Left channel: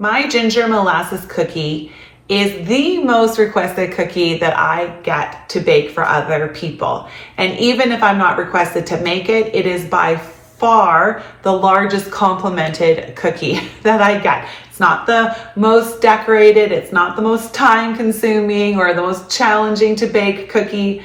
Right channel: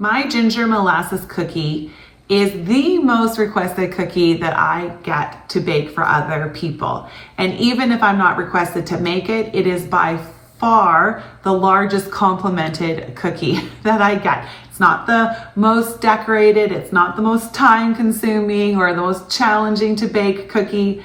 My ginger molasses cookie is the most requested cookie that I get to bake for other people. And even if I'm not requested to make it, it is by far the largest complimented cookie that I get. It's not the most decorated, it's not the most time consuming or the most challenging to bake cookie,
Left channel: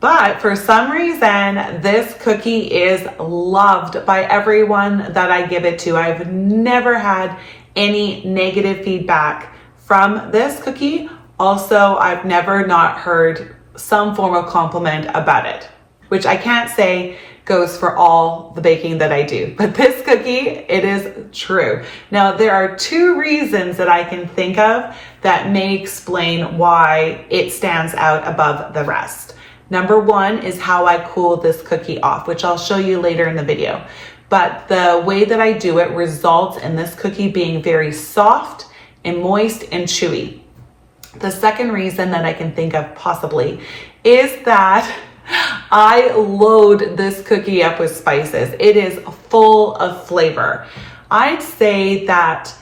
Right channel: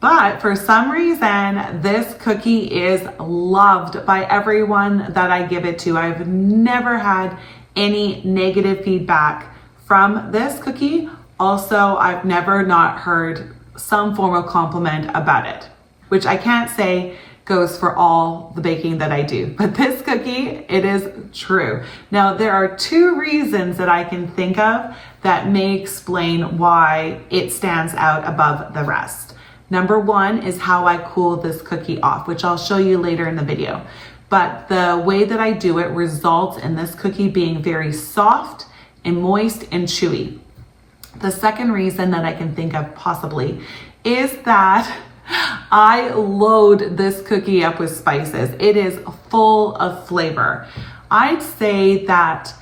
but for some reason, this cookie is loved by everyone that I give it to. I've never had any negative feedback from this cookie. Also, I've never not heard some form of compliment about it, which I can't say goes for all the baking that I do, but this cookie, it is true. Now, there are two reasons that I can think of that may explain why it stands out above the rest. Number one is how I cool this cookie off, which I'll show you later in the video. But the way that I do it results in this cookie being very soft and moist and chewy. The second reason that I can think of possibly is that I load this cookie up with spices. It is full of flavor. I'd say that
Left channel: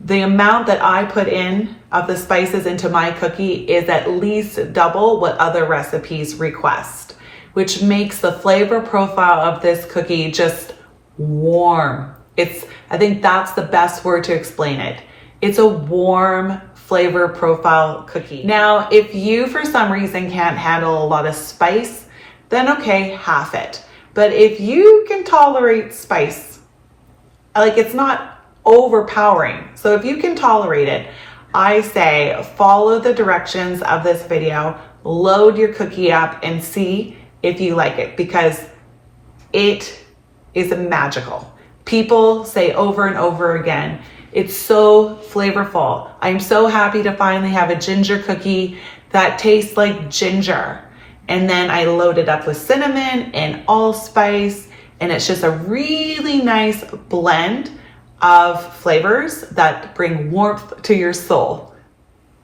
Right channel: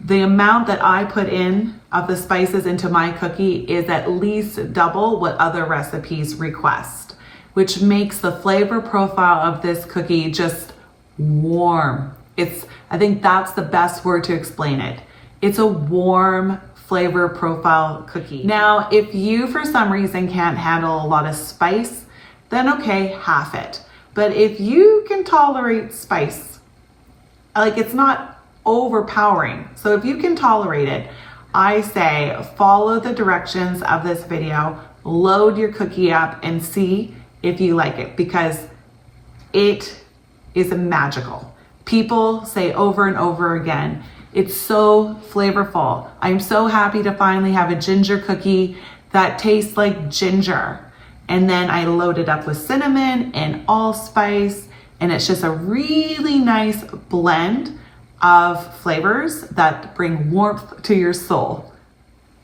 the amount that I put in of the spices into my cookie is at least double what other recipes request, which makes the flavor profile of this cookie just warm. I think that's the best word to explain it. It's a warm flavor profile cookie. Now, if you for some reason can't handle a lot of spice, then okay, half it. But if you can tolerate spice, like it's not overpowering. So if you can tolerate it, I say follow the directions of this video, load your cookie up and see if you like it, because it is magical. People say over and over again, it's so flavorful. I'm so happy to finally have a ginger cookie that tastes like ginger. And then I load it up with cinnamon and allspice, and it's just a really nice blend of flavors that bring warmth to your soul.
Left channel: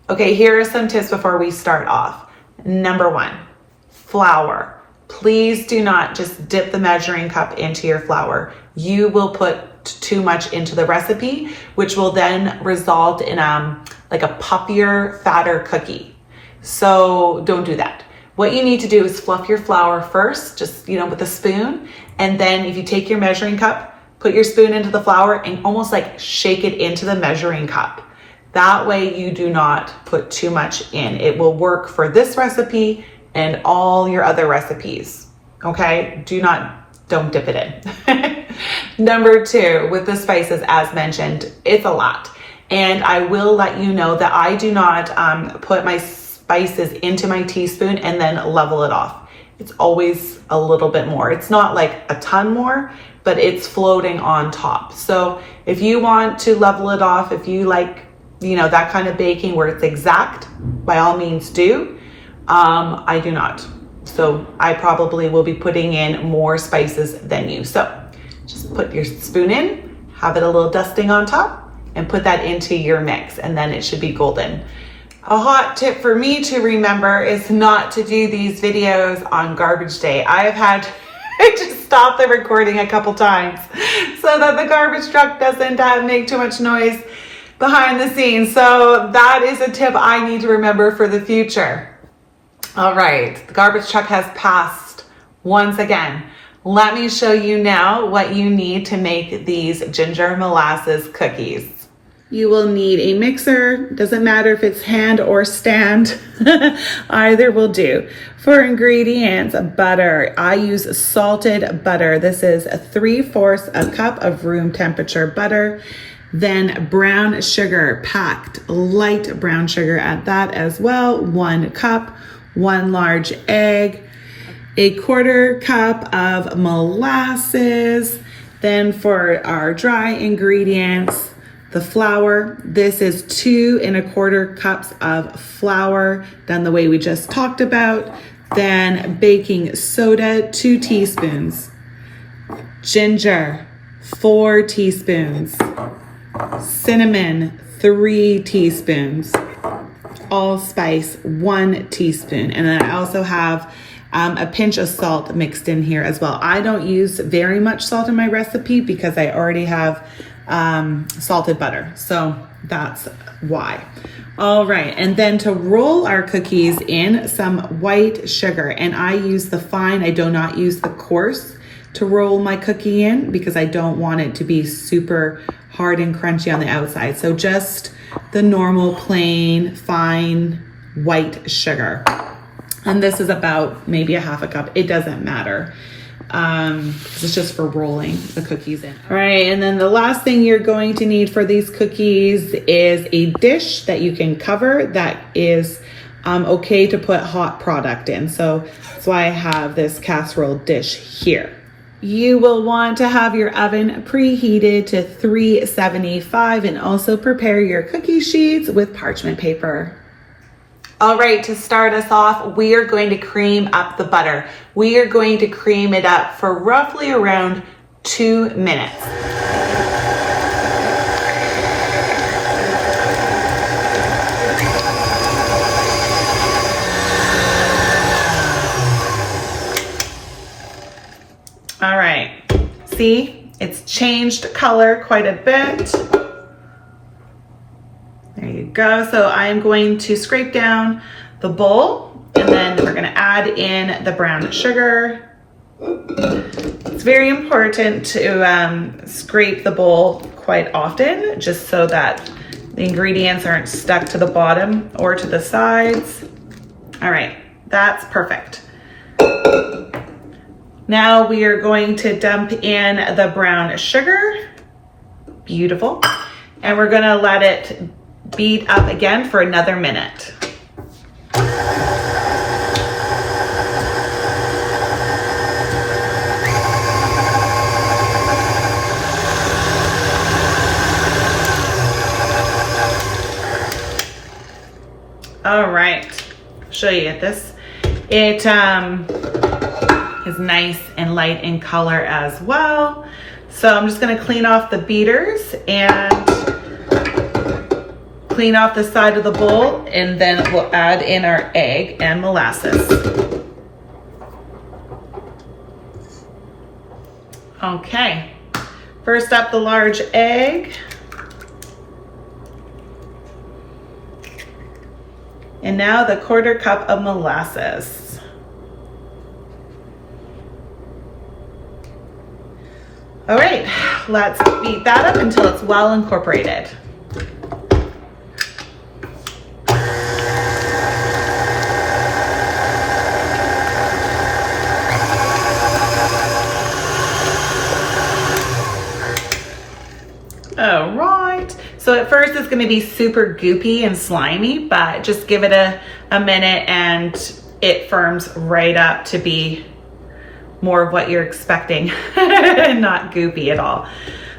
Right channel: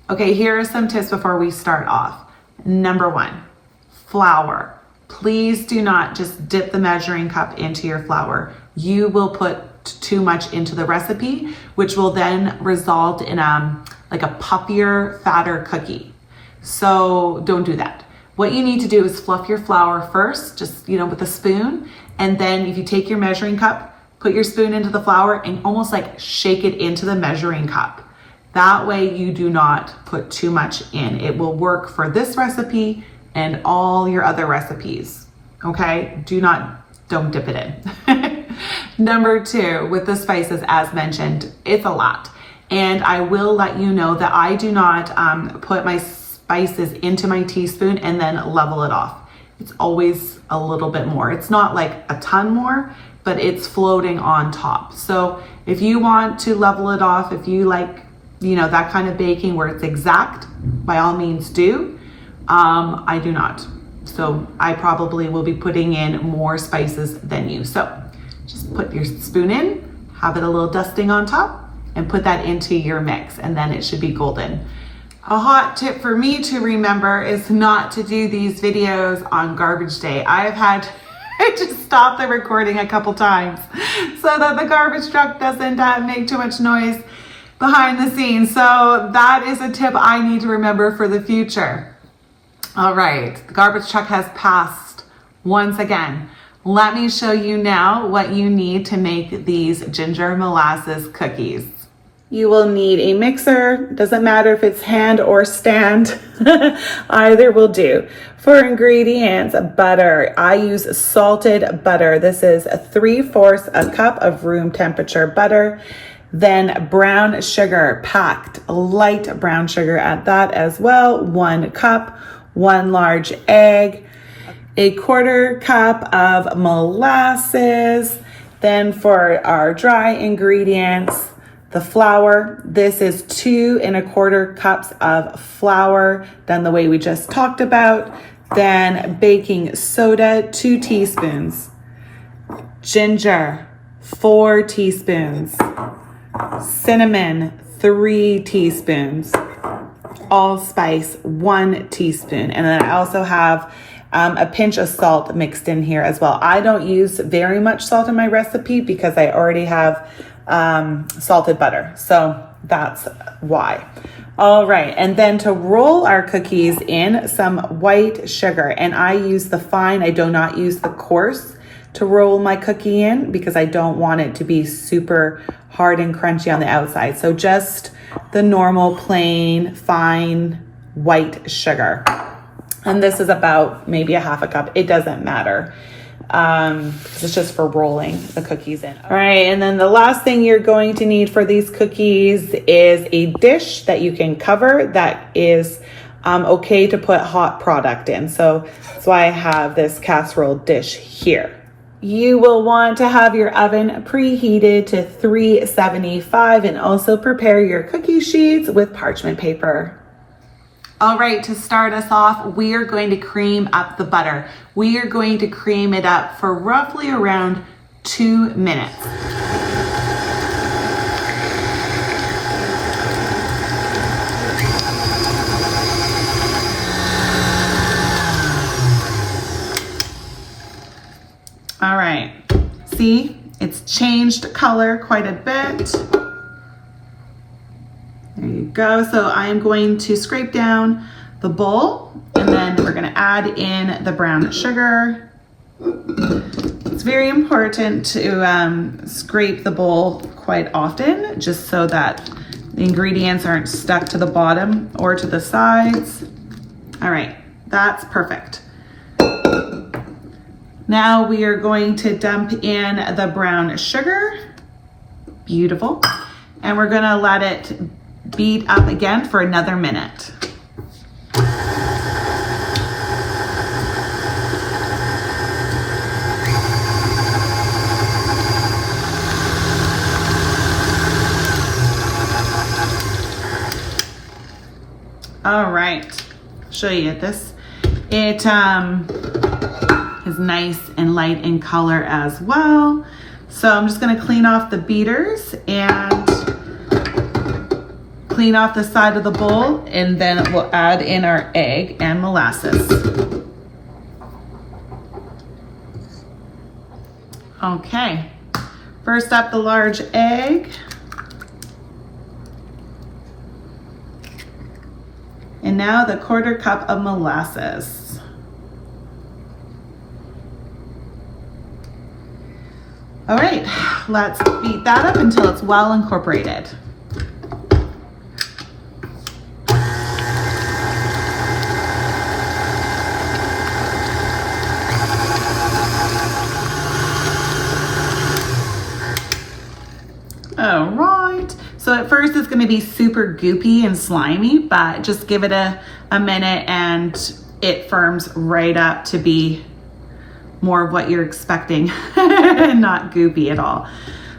Okay, here are some tips before we start off. Number one, flour. Please do not just dip the measuring cup into your flour. You will put too much into the recipe, which will then result in like a puffier, fatter cookie. So don't do that. What you need to do is fluff your flour first, just, with a spoon. And then if you take your measuring cup, put your spoon into the flour and almost like shake it into the measuring cup. That way you do not put too much in. It will work for this recipe and all your other recipes. Okay? Don't dip it in. Number two, with the spices, as mentioned, it's a lot. And I will let you know that I do not put my spices into my teaspoon and then level it off. It's always a little bit more. It's not like a ton more, but it's floating on top. So if you want to level it off, if you like, that kind of baking where it's exact, by all means do. I do not. So I probably will be putting in more spices than you. So just put your spoon in, have it a little dusting on top, and put that into your mix, and then it should be golden. A hot tip for me to remember is not to do these videos on garbage day. I have had to stop the recording a couple times so that the garbage truck doesn't make too much noise behind the scenes. So that is a tip I need to remember for the future. All right, the garbage truck has passed once again. Let me show you now what you need to make these ginger molasses cookies. You will need a mixer. Doesn't matter if it's hand or stand. Either will do. For ingredients, butter. I use salted butter. This is 3/4 a cup of room temperature butter. Then brown sugar, packed light brown sugar at that as well. 1 cup, 1 large egg, 1/4 cup of molasses. Then for our dry ingredients, the flour, this is 2 1/4 cups of flour, done the way we just talked about. Then baking soda, 2 teaspoons. Ginger, 4 teaspoons. Cinnamon, 3 teaspoons. Allspice, 1 teaspoon. And then I also have a pinch of salt mixed in here as well. I don't use very much salt in my recipe because I already have salted butter. So that's why. All right, and then to roll our cookies in, some white sugar. And I use the fine, I do not use the coarse to roll my cookie in because I don't want it to be super hard and crunchy on the outside. So just the normal plain fine white sugar. And this is about maybe a half a cup. It doesn't matter. It's just for rolling the cookies in. All right, and then the last thing you're going to need for these cookies is a dish that you can cover that is okay to put hot product in. So that's why I have this casserole dish here. You will want to have your oven preheated to 375 and also prepare your cookie sheets with parchment paper. All right, to start us off, we are going to cream up the butter. We are going to cream it up for roughly around 2 minutes. All right, see, it's changed color quite a bit. There you go. So I am going to scrape down the bowl and then we're going to add in the brown sugar. It's very important to scrape the bowl quite often just so that the ingredients aren't stuck to the bottom or to the sides. All right, that's perfect. Now we are going to dump in the brown sugar. Beautiful. And we're going to let it beat up again for another minute. All right, I'll show you this. It is nice and light in color as well. So I'm just gonna clean off the beaters and clean off the side of the bowl, and then we'll add in our egg and molasses. Okay, first up the large egg. And now the 1/4 cup of molasses. All right, let's beat that up until it's well incorporated. All right, so at first it's gonna be super goopy and slimy, but just give it a minute and it firms right up to be more of what you're expecting, not goopy at all.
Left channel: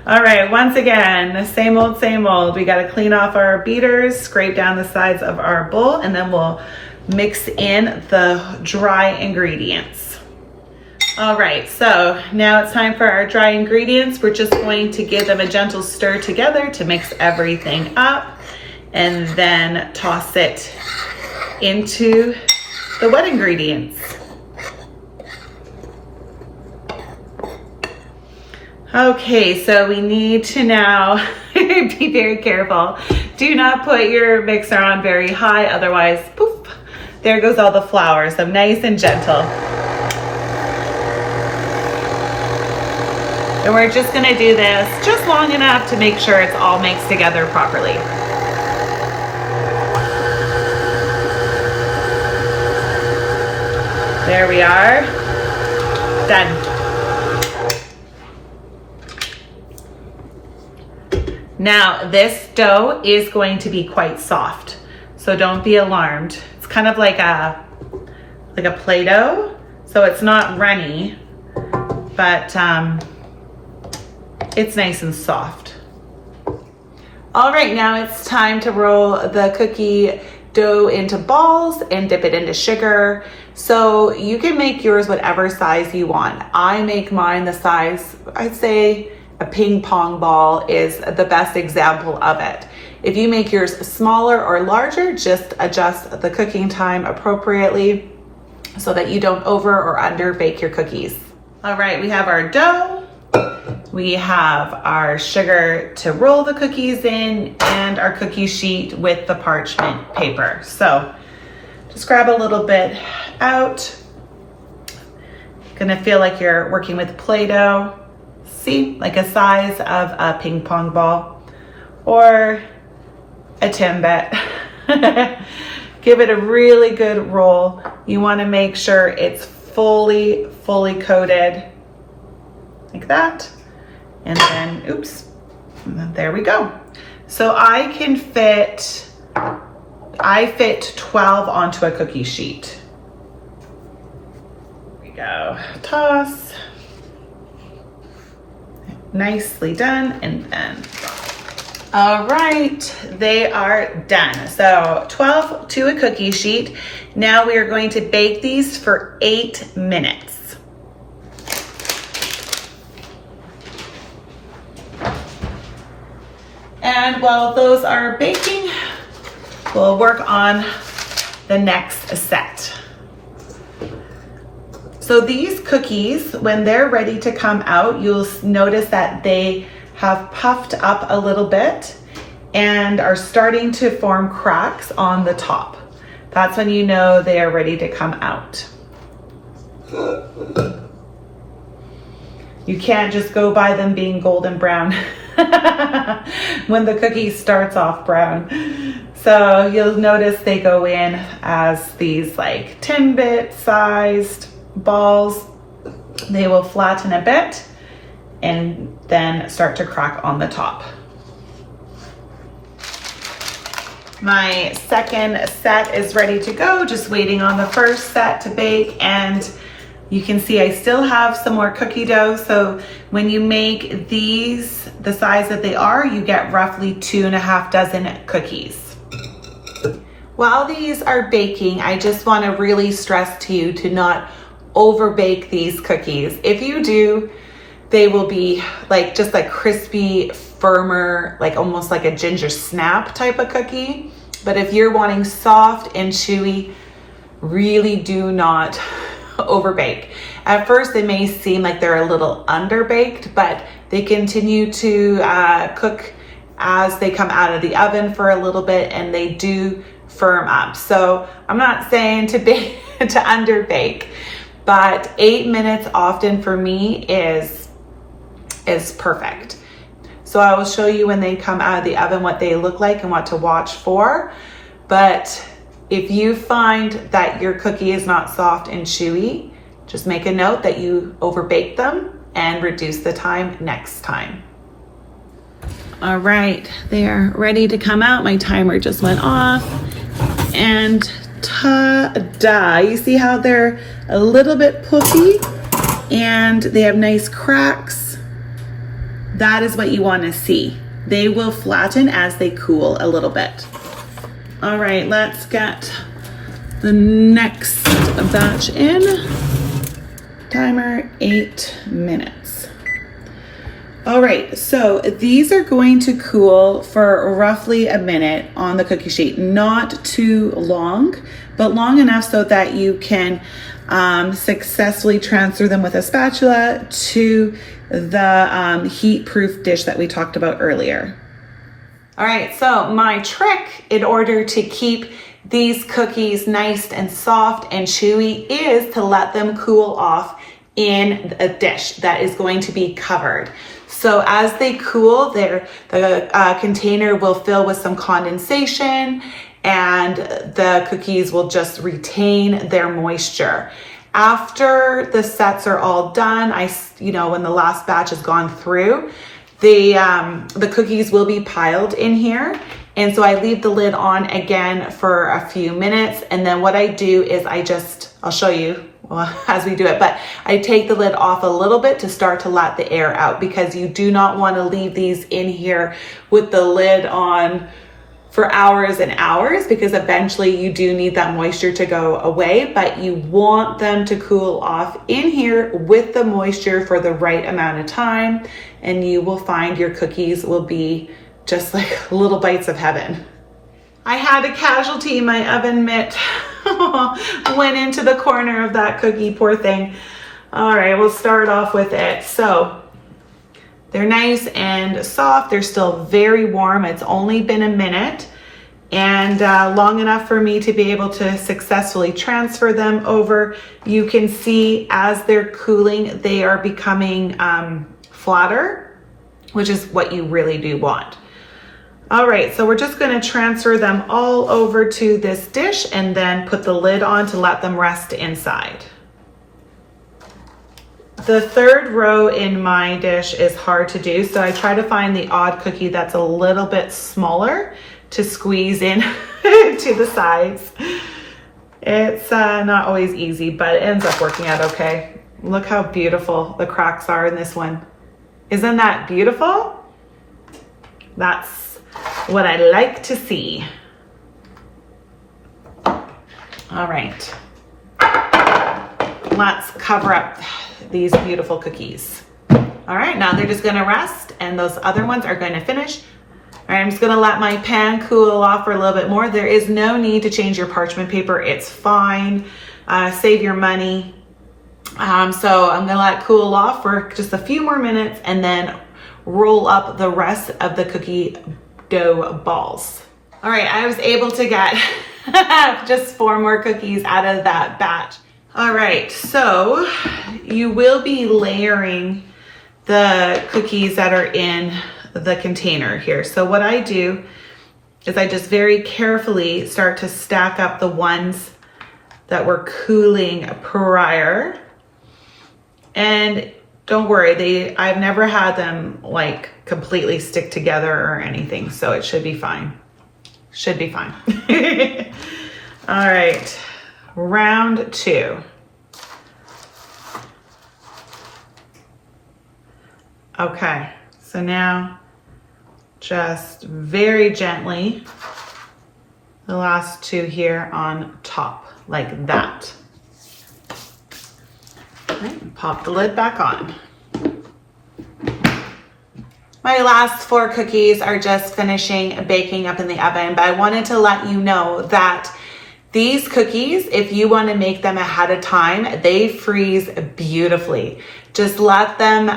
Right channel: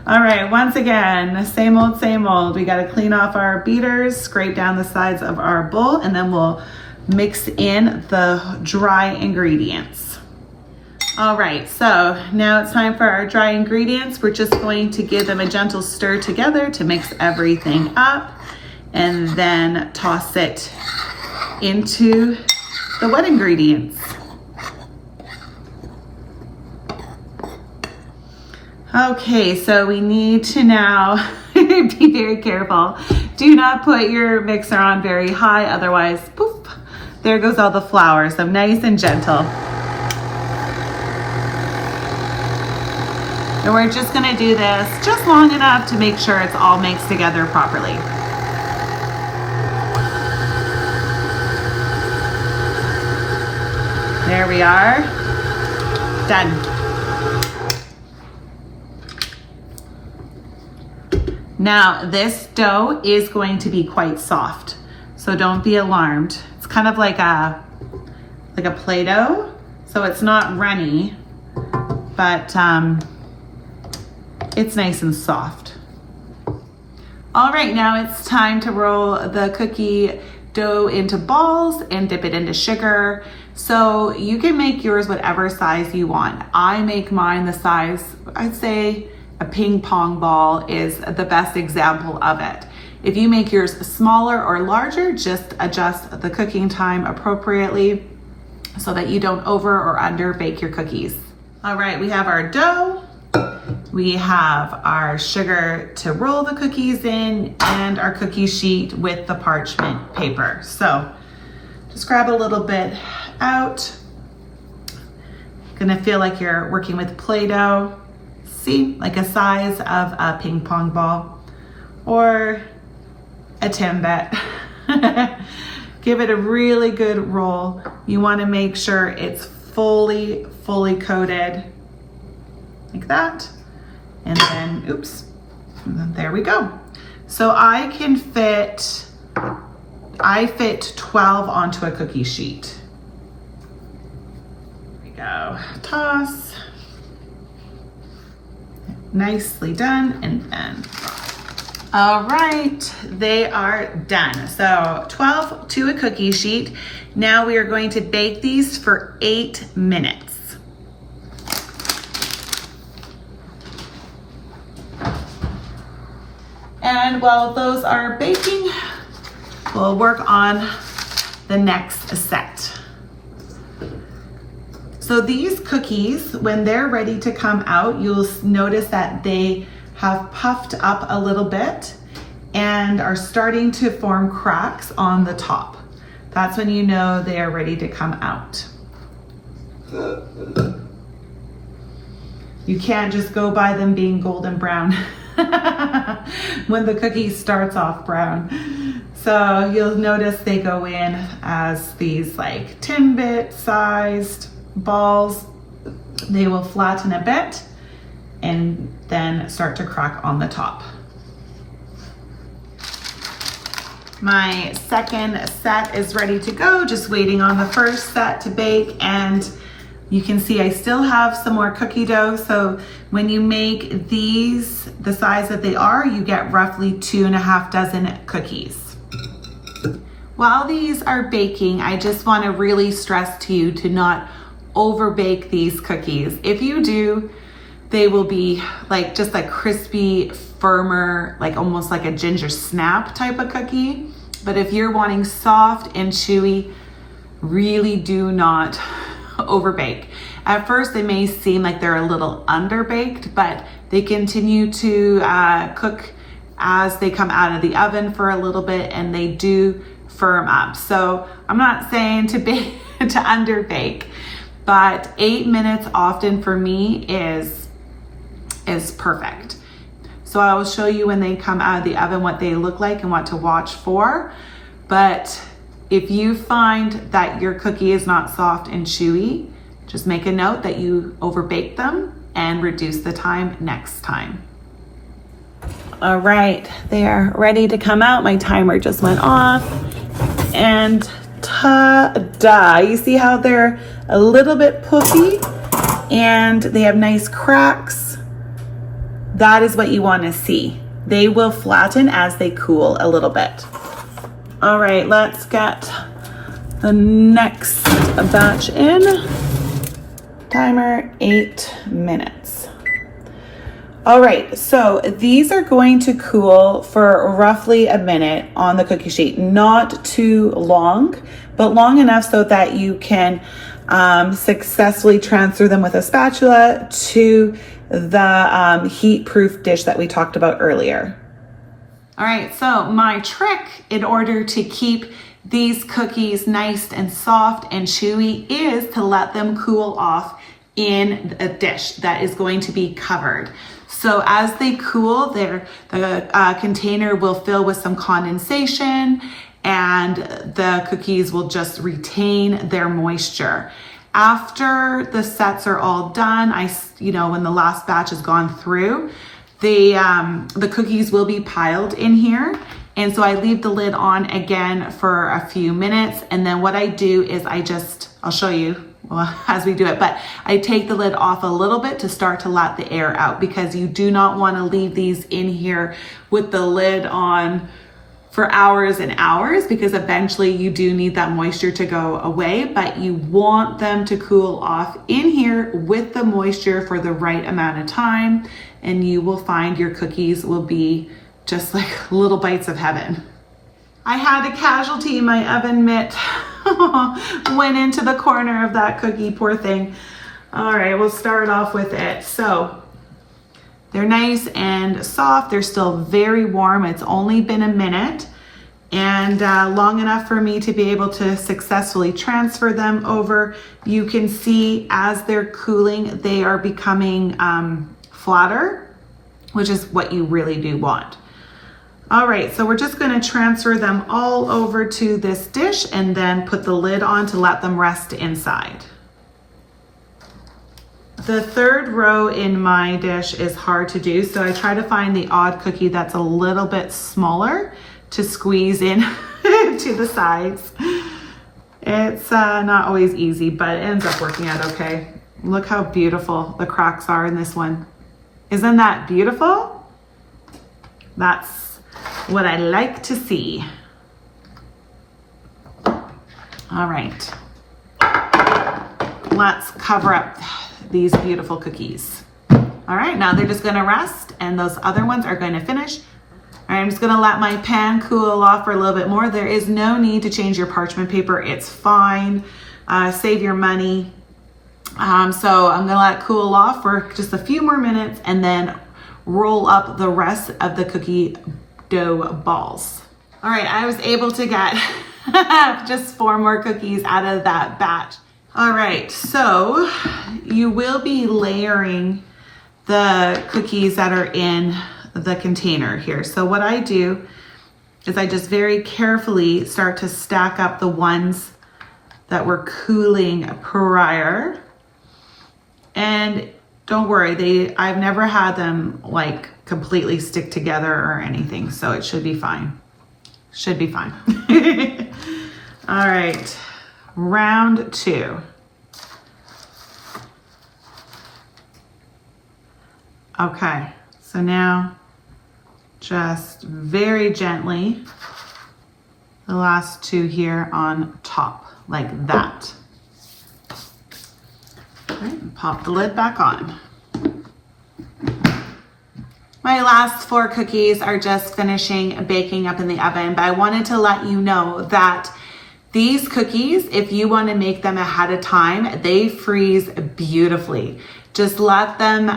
All right, once again, same old, same old. We gotta clean off our beaters, scrape down the sides of our bowl, and then we'll mix in the dry ingredients. All right, so now it's time for our dry ingredients. We're just going to give them a gentle stir together to mix everything up and then toss it into the wet ingredients. Okay, so we need to now be very careful. Do not put your mixer on very high, otherwise, poof, there goes all the flour. So nice and gentle. And we're just gonna do this just long enough to make sure it's all mixed together properly. There we are, done. Now this dough is going to be quite soft, so don't be alarmed. It's kind of like a Play-Doh, so it's not runny, but it's nice and soft. All right, now it's time to roll the cookie dough into balls and dip it into sugar. So you can make yours whatever size you want. I make mine the size, I'd say a ping pong ball is the best example of it. If you make yours smaller or larger, just adjust the cooking time appropriately. so that you don't over or under bake your cookies. All right, we have our dough. We have our sugar to roll the cookies in and our cookie sheet with the parchment paper. So just grab a little bit out. Gonna feel like you're working with Play-Doh. See, like a size of a ping pong ball or a Timbit. Give it a really good roll. You wanna make sure it's fully coated like that. And then, oops, and then there we go. So I fit 12 onto a cookie sheet. There we go, toss. Nicely done, and then all right, they are done. So 12 to a cookie sheet. Now we are going to bake these for 8 minutes. And while those are baking, we'll work on the next set. So these cookies, when they're ready to come out, you'll notice that they have puffed up a little bit and are starting to form cracks on the top. That's when you know they are ready to come out. You can't just go by them being golden brown when the cookie starts off brown. So you'll notice they go in as these like Timbit sized balls. They will flatten a bit and then start to crack on the top. My second set is ready to go, just waiting on the first set to bake, and you can see I still have some more cookie dough. So when you make these the size that they are, you get roughly 2.5 dozen cookies. While these are baking, I just want to really stress to you to not over bake these cookies. If you do, they will be like just like crispy, firmer, like almost like a ginger snap type of cookie. But if you're wanting soft and chewy, really do not over bake. At first they may seem like they're a little underbaked, but they continue to cook as they come out of the oven for a little bit, and they do firm up. So I'm not saying to bake to underbake, but 8 minutes often for me is perfect. So I will show you when they come out of the oven what they look like and what to watch for. But if you find that your cookie is not soft and chewy, just make a note that you overbake them and reduce the time next time. All right, they are ready to come out. My timer just went off, and ta-da! You see how they're a little bit puffy and they have nice cracks? That is what you want to see. They will flatten as they cool a little bit. All right, let's get the next batch in. Timer 8 minutes. All right, so these are going to cool for roughly a minute on the cookie sheet. Not too long, but long enough so that you can successfully transfer them with a spatula to the heat-proof dish that we talked about earlier. All right, so my trick in order to keep these cookies nice and soft and chewy is to let them cool off in a dish that is going to be covered. So as they cool, the container will fill with some condensation, and the cookies will just retain their moisture. After the sets are all done, when the last batch has gone through, the cookies will be piled in here. And so I leave the lid on again for a few minutes. And then what I do is I'll show you as we do it, but I take the lid off a little bit to start to let the air out, because you do not want to leave these in here with the lid on for hours and hours, because eventually you do need that moisture to go away, but you want them to cool off in here with the moisture for the right amount of time, and you will find your cookies will be just like little bites of heaven. I had a casualty in my oven mitt went into the corner of that cookie, poor thing. All right, we'll start off with it. So they're nice and soft. They're still very warm. It's only been a minute and long enough for me to be able to successfully transfer them over. You can see as they're cooling, they are becoming flatter, which is what you really do want. All right, so we're just gonna transfer them all over to this dish and then put the lid on to let them rest inside. The third row in my dish is hard to do, so I try to find the odd cookie that's a little bit smaller to squeeze in to the sides. It's not always easy, but it ends up working out okay. Look how beautiful the cracks are in this one. Isn't that beautiful? That's what I like to see. All right, let's cover up these beautiful cookies. All right, now they're just gonna rest and those other ones are going to finish. All right, I'm just gonna let my pan cool off for a little bit more. There is no need to change your parchment paper. It's fine. Save your money. So I'm gonna let it cool off for just a few more minutes and then roll up the rest of the cookie dough balls. All right, I was able to get just 4 more cookies out of that batch. All right, so you will be layering the cookies that are in the container here. So what I do is I just very carefully start to stack up the ones that were cooling prior. And don't worry, I've never had them like completely stick together or anything, so it should be fine. Should be fine. All right, round 2. Okay, so now just very gently, the last 2 here on top, like that. All right, pop the lid back on. My last 4 cookies are just finishing baking up in the oven, but I wanted to let you know that these cookies, if you want to make them ahead of time, they freeze beautifully. Just let them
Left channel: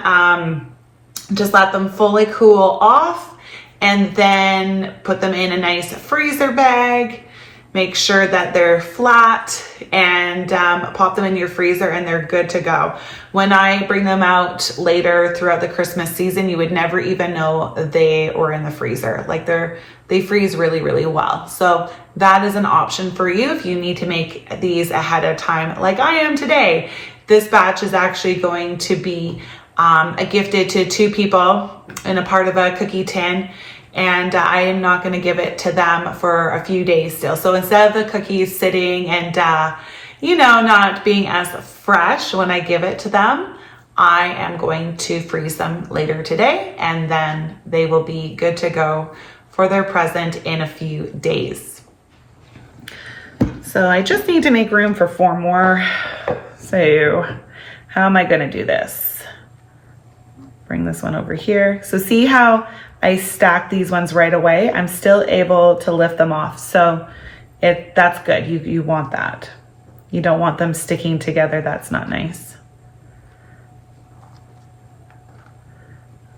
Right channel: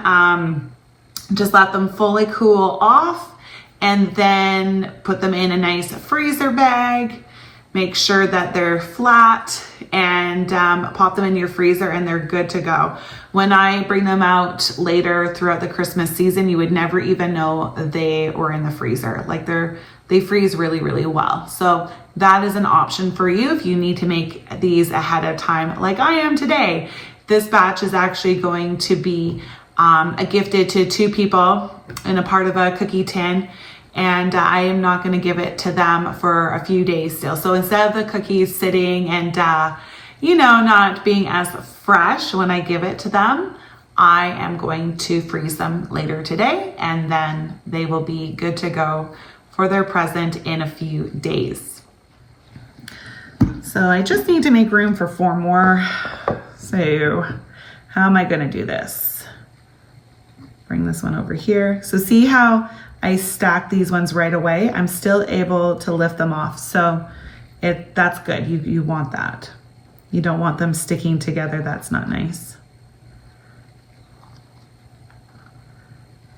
fully cool off and then put them in a nice freezer bag. Make sure that they're flat and pop them in your freezer and they're good to go. When I bring them out later throughout the Christmas season, you would never even know they were in the freezer. Like they freeze really, really well. So that is an option for you if you need to make these ahead of time like I am today. This batch is actually going to be gifted to 2 people in a part of a cookie tin. And I am not going to give it to them for a few days still. So instead of the cookies sitting and, not being as fresh when I give it to them, I am going to freeze them later today and then they will be good to go for their present in a few days. So I just need to make room for 4 more. So how am I going to do this? Bring this one over here. So see how I stack these ones right away? I'm still able to lift them off. So that's good. You want that. You don't want them sticking together. That's not nice.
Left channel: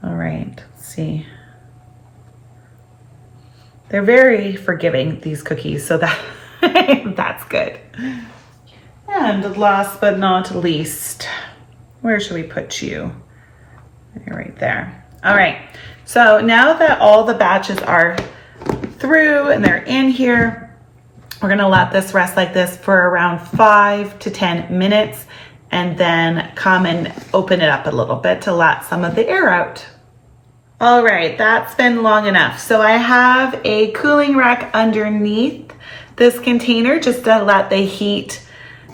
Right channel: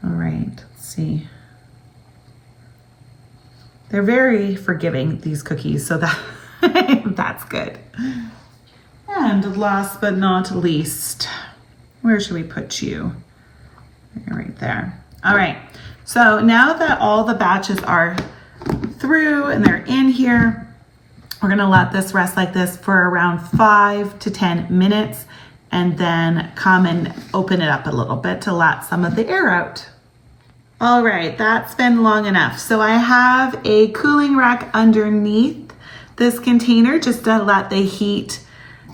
All right, let's see. They're very forgiving, these cookies, so that's good. And last but not least, where should we put you? Right there. All right. So now that all the batches are through and they're in here, we're gonna let this rest like this for around 5 to 10 minutes and then come and open it up a little bit to let some of the air out. All right, that's been long enough. So I have a cooling rack underneath this container just to let the heat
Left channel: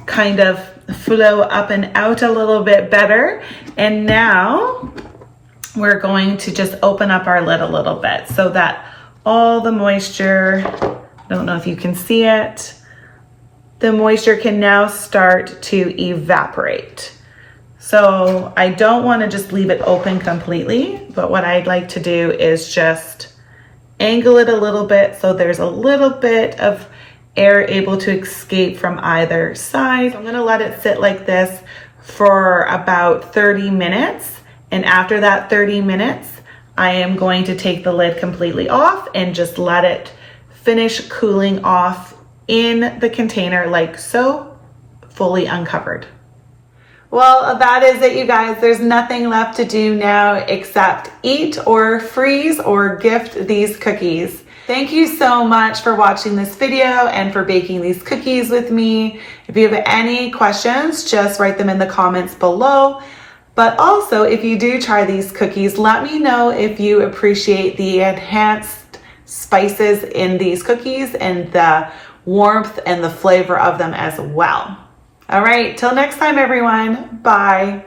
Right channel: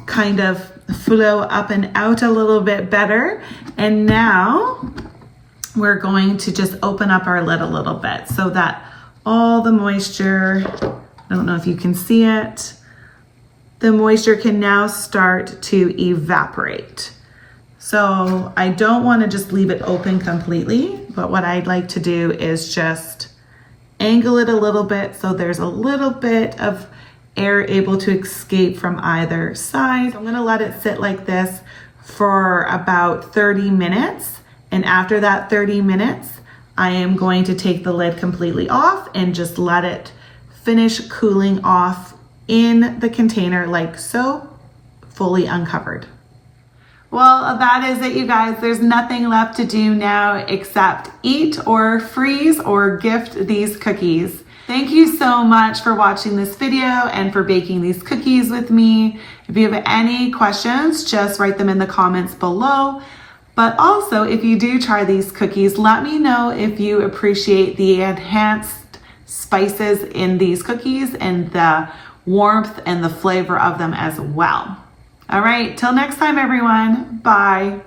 kind of flow up and out a little bit better. And now we're going to just open up our lid a little bit so that all the moisture, I don't know if you can see it, the moisture can now start to evaporate. So I don't want to just leave it open completely, but what I'd like to do is just angle it a little bit so there's a little bit of air able to escape from either side. So I'm gonna let it sit like this for about 30 minutes. And after that 30 minutes, I am going to take the lid completely off and just let it finish cooling off in the container like so, fully uncovered. Well, that is it, you guys. There's nothing left to do now except eat or freeze or gift these cookies. Thank you so much for watching this video and for baking these cookies with me. If you have any questions, just write them in the comments below. But also, if you do try these cookies, let me know if you appreciate the enhanced spices in these cookies and the warmth and the flavor of them as well. All right, till next time, everyone. Bye.